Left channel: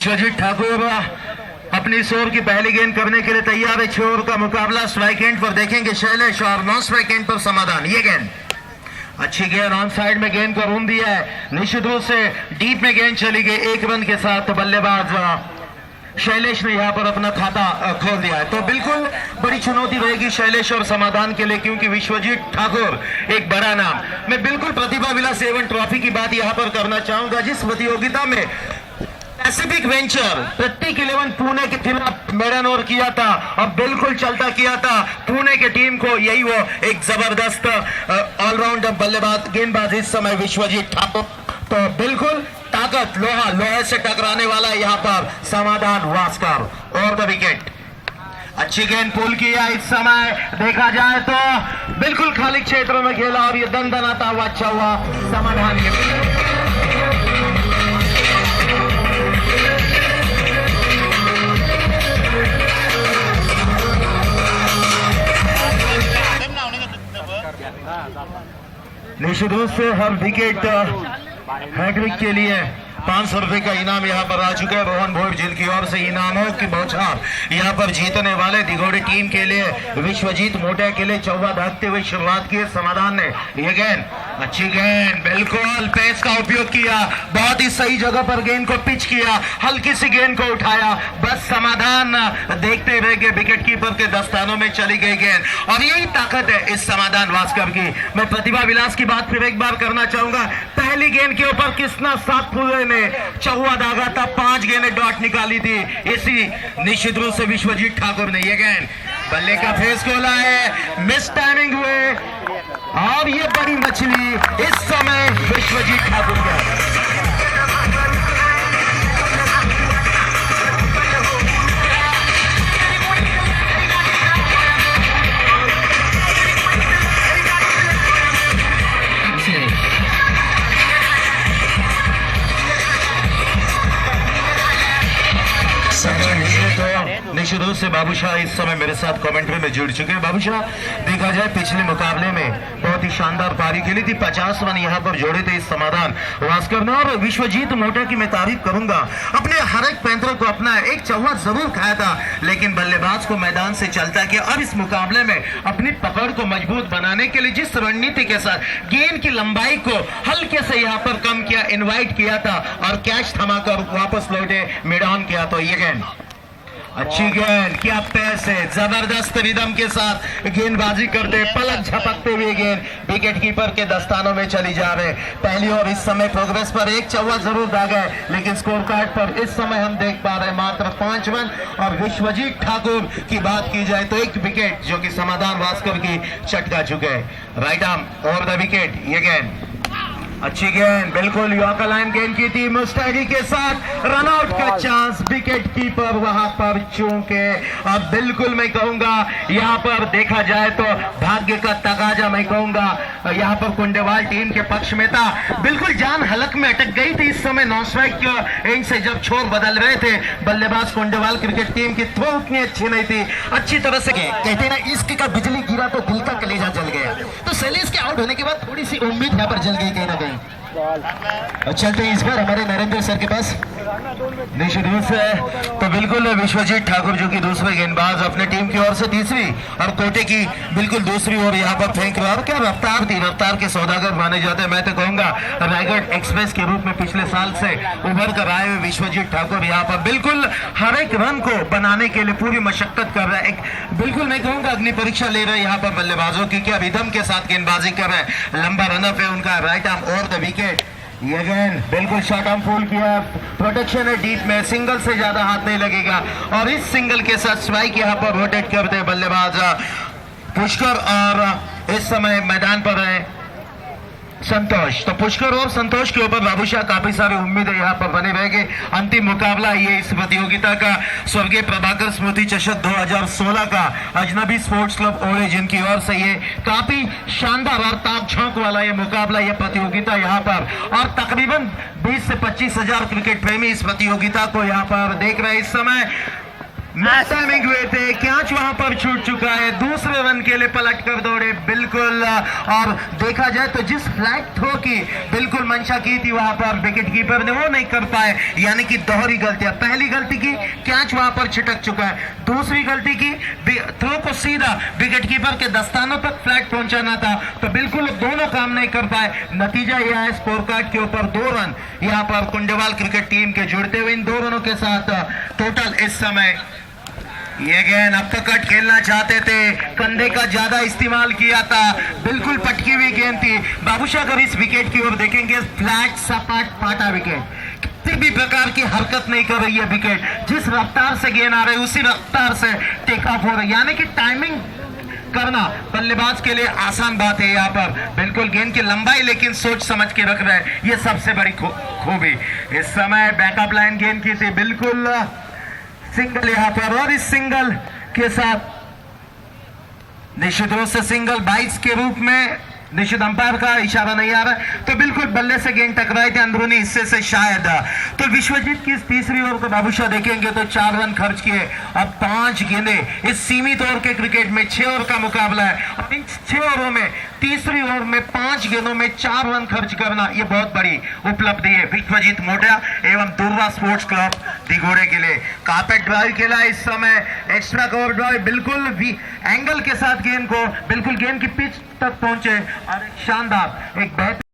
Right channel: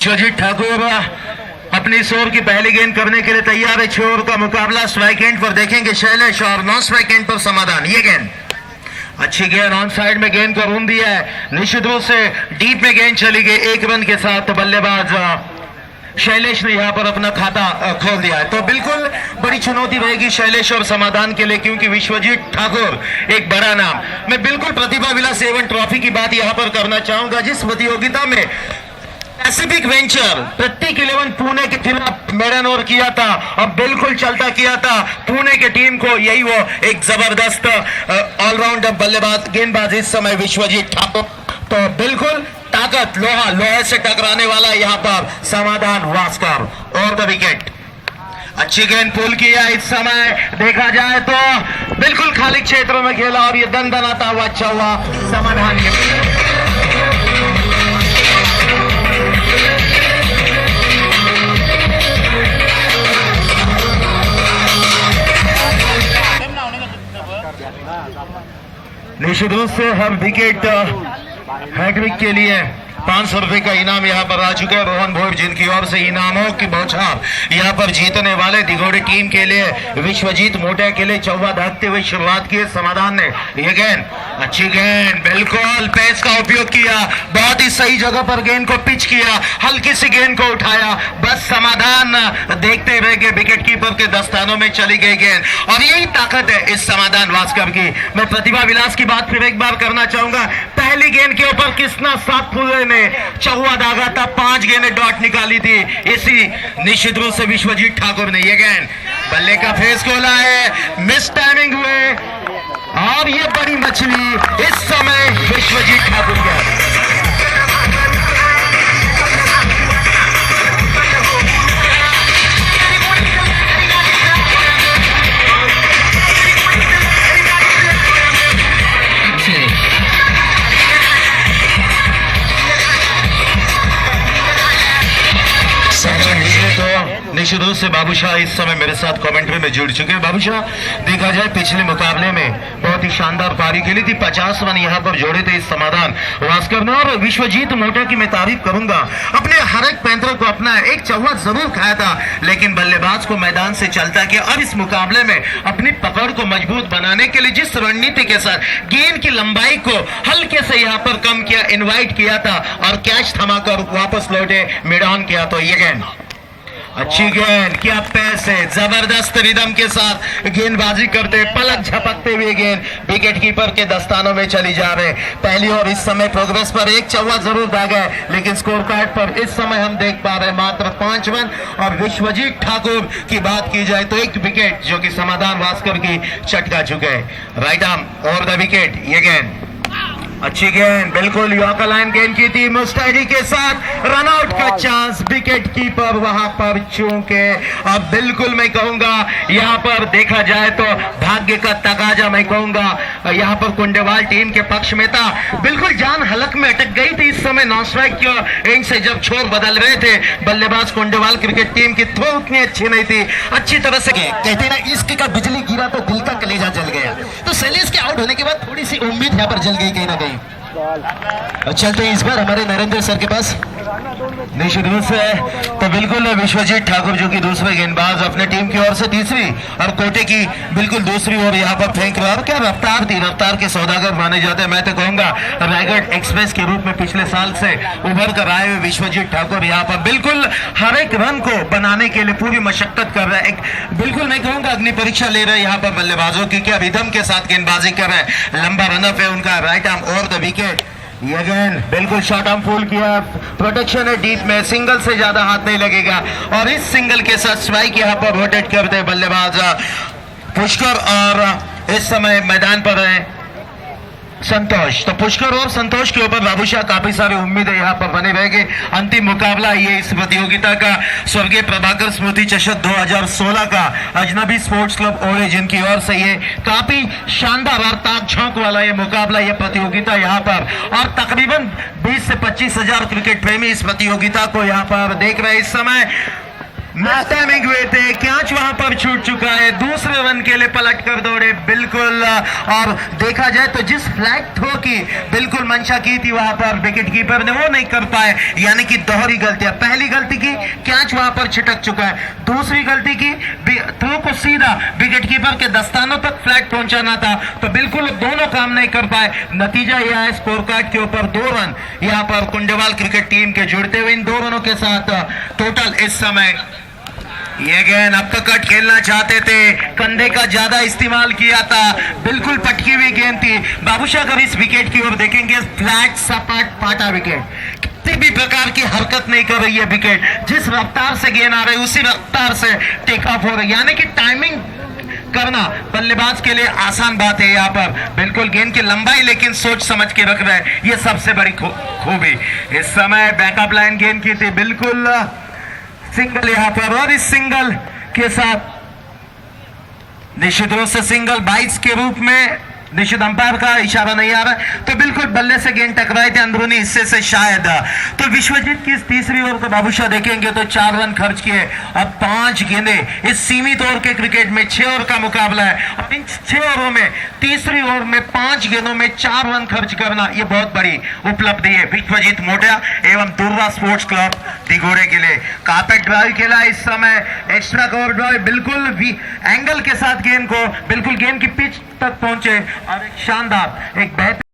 विश्वजीत ठाकुर अपनी इस ओवर की पहली गेंद करने के लिए तैयार है। 6 ओवर का मुकाबला। स्ट्राइक एंड पर देखेंगे शैलेश और नॉन स्ट्राइक एंड पर समाधान। ये गेंद अच्छी गेंद ऑन साइड में गेंद को रूम दिया है। निश्चित रूप से डीप में गेंद चली गई। 1 रन के साथ बल्लेबाज शैलेश ने यहां पर अपना खाता खोल दिया है। तो बिल्कुल बड़ी चुनौती रहेगी शैलेश और समाधान के लिए, क्योंकि विश्वजीत ठाकुर एक बड़ा नाम। मैं बिल्कुल प्रतिभा विलास एवं ट्रॉफी की बात यहां पर करना चाहूंगा, जिस प्रतियोगिता में पैसिफिक वेंचर प्रत्येक 11 पुणे के खिलाफ मेडन ओवर किया था और बिल्कुल चलता किया था पुणे के टीम को। यही वो एक जबरदस्त ऑलराउंडर बल्लेबाज गेंदबाज इस समय विश्वजीत ठाकुर। तो बिल्कुल ताकत लोहे से टकराने वाला यहाँ पर समाधान वास्कर और द विकेट। अच्छी गेंद पुल किया। इस समय देखा जाए तो बिल्कुल खाली क्षेत्रों में खेला और ये दंदनाता हुआ अच्छा हुआ समाधान के। निश्चित रूप से हर विकेट हैट्रिक के लिए 500 रुपए का इनाम यहाँ पर आ चुका है। रोहन भोर जिनकी ओर से इनामों की बौछार यहाँ पर जीतने वाले दिगोड़ी टीम के लिए विश्वजीत मोटा के लिए चौवा दागते हुए शुरुआत की समाधान ने। ये गेंद अच्छी गेंद, बिल्कुल पेस का उपयोग किया, बहुत ही सही जगह पर गेंद को पिच किया, हल्की सी गेंद को उठाया, बस समाधान देखते रह गए। विकेट कीपर के दस्तानों में चली गई गेंद और यही ताकत है इस समाधान वास्कर की। मैं प्रतिभा विलास की बात फिर एक बार करना चाहूंगा। पहली गेंद के ऊपर कृष्णा सातपुरे ने चौवा दागा था, 5 गेंदें डॉट निकाली थी। इसी निश्चित रूप से विश्वजीत ठाकुर ने ये गेंद बल्ले का फेस खोला है, मिस टाइमिंग हुए और ये बड़ी मछली इस समय विश्वजीत ठाकुर का। निश्चित रूप से बाबूशाह इस समय मेरे साथ कमेंट्री में जुड़ चुके हैं। बाबूशाह, देखा जाए पिछले मुकाबले में बहुत ही शानदार पारी खेली थी, 50 रन यहाँ पर जोड़े थे इस समाधान वास्कर ने। और विश्वजीत मोटा की मैं तारीफ करूंगा, अपने हर एक पैंतरे को अपना एक चौवा जरूर खाया था, लेकिन बल्लेबाज को मैदान से चलता किया। और इस मुकाबले में अपनी पकड़ को मजबूत बनाने के लिए जिस रणनीति के साथ गेंद की लंबाई को हल्के से यहाँ पर कम किया, इन्वाइट किया था और कैच थमाकर वापस लौटे, मिड ऑन किया। तो ये गेंद अच्छी गेंद, क्या पैस है, जबरदस्त रिदम के साथ गेंदबाजी करते, पलक झपकते हुए गेंद विकेट कीपर के दस्तानों में चली जा रहे। पहली और इस समय प्रोग्रेस पर एक चौवा जरूर दागा है, लेकिन स्कोर कार्ड पर इस समय हम देख पा रहे हैं मात्र 5 रन। और विश्वजीत ठाकुर की बात की जाए तो 1 विकेट जो कि समाधान वास्कर की चटका चुके हैं। राइट आर्म और द विकेट। ये गेंद अच्छी गेंद, बिल्कुल यॉर्कर लाइन गेंद की थी, मुस्तैदी के साथ रनआउट का चांस। विकेट कीपर वहां पर चूके। अब बिल्कुल मैं कहूंगा यहां पर देखा जाए तो भाग्य का तकाजा मैं कहूंगा यहां पर कुंडेवाल टीम के पक्ष में था। बिल्कुल जान हलक में अटक गई थी इस समय नॉन स्ट्राइक की एंड से जब छोर बदल रहे थे बल्लेबाज कुंडेवाल क्रिकेट टीम की। थ्रो उतनी अच्छी नहीं थी, अच्छी तरह से कहते ना इश्क का बिजली गिरा तो दिल का कलेजा जल गया। तो शैलेश के आउट होने के बाद थोड़ी सी उम्मीद यहाँ पर जल गई कहीं ना कहीं। चलते हैं इस बार हमारे नरेंद्र सर के पास। निश्चित रूप से तो बिल्कुल विश्वजीत ठाकुर जो कि दूसरे गेंदबाज अपने टीम की ओर से तीसरी और कोटे की बिल्कुल दूसरी ओर यहाँ पर फेंक रहा। और क्या रफ्तार थी, रफ्तार के सौदागर माने जाते हैं। मैं तो कहूंगा रायगढ़ एक्सप्रेस के रूप में पिछले साल से उभर कर आए हुए विश्वजीत ठाकुर यहाँ पर बिल्कुल हर एक रन को बनाने के लिए पूरी मशक्कत कर रहे हैं। बिल्कुल मैं कहूंगा अग्नि परीक्षा ले रहे हैं यहाँ पर बल्लेबाजों की, क्या रिदम के साथ गेंदबाजी कर रहे हैं। लंबा रनअप है उनका, राइट आर्म और द विकेट। ये गेंद बिल्कुल शॉर्ट आर्म फुल किया, प्रोटेक्शन है डीप में, सिंगल से ज्यादा हाथ नहीं लगेगा। और इस सिंगल के साथ स्ट्राइक यहाँ पर रोटेट करते हैं बल्लेबाज पुष्कर और इस समय मैदान पर है संतोष। तो पुष्कर और संतोष के ऊपर बाबूशाह काफी सारी उम्मीदें यहाँ पर बने रहेंगे। अंतिम मुकाबला ये इस प्रतियोगिता का स्वर्गीय प्रभाकर स्मृति चषक 2016 का अजनबी स्पोर्ट्स क्लब ओले जिनकी ओर से ये काफी शानदार और ताक झोंक वाला ये मुकाबला, ये प्रतियोगिता यहाँ पर। और तकरीबन 20 से 25 हजार क्रिकेट प्रेमी इस प्रतियोगिता को यहाँ पर देख रहे हैं इस समय। मिस टाइमिंग हुए थे, कैच वहां पर छूट चुका है, दूसरे रन के लिए पलट कर दौड़े बिल्कुल। और देखा जाए तो जिस फ्लैट थ्रो की बिल्कुल मंशा की थी वहां पर विकेट कीपर ने वो नहीं कर पाए, यानी कि दोहरी गलतियां। पहली गलती की कैच वहां पर छिटक चुका है, दूसरी गलती की थ्रो को सीधा विकेट कीपर के दस्तानों तक फ्लैट पहुंचाना था, तो बिल्कुल दोनों काम नहीं कर पाए। नतीजा यह है स्कोर कार्ड के ऊपर 2 रन यहां पर कुंडवाल क्रिकेट टीम के जुड़ते हुए इन 2 रनों के साथ टोटल इस समय। ये गेंद अपकट खेलना चाहते थे, कंधे का ज्यादा इस्तेमाल किया था, बिल्कुल पटकी हुई गेंद थी। बाबूशाह अगर इस विकेट की ओर देखेंगे, फ्लैट सपाट पाटा विकेट, किसी भी प्रकार की हरकत नहीं कर रही है विकेट, जिस रफ्तार से गेंद आ रही है उसी रफ्तार से टेक ऑफ हो रही है, यानी कि टाइमिंग करना बल्लेबाज के लिए आसान बात है। यहाँ पर बिल्कुल गेंद की लंबाई लेकिन सोच समझ के रख रहे हैं, ये सबसे बड़ी खूबी। इस समय बैकअप लाइन गेंद की थी, बिल्कुल सिंगल यहाँ पर, और इस सिंगल के साथ निश्चित रूप से सिंगल बाइट्स के रूप में निश्चित अंपायर का इशारा नहीं आ रहा है, तो बिल्कुल बल्ले से गेंद टकराए थे अंदरूनी हिस्से से शायद। तो विश्वजीत की इस तीसरी ओवर को बाबूशाह देखेंगे तो 4 रन खर्च किए, अब 5 गेंदें इस सीमित ओवर के क्रिकेट में 6 ओवर का मुकाबला है, और इन 6 ओवरों में तीसरी ओवर में 5 गेंदों में 4 रन खर्च करना ये बहुत बड़ी उपलब्धि है विश्वजीत मोटिया एवं दुर्वा स्पोर्ट्स क्लब दिघोड़े के लिए। कार्पेट ड्राइव खेला इस समय, एक्स्ट्रा कवर ड्राइव, बिल्कुल भी एंगल के साथ गेंद को बिल्कुल गेंद की पिच तक पहुंचे, और एक शानदार एक बेहतर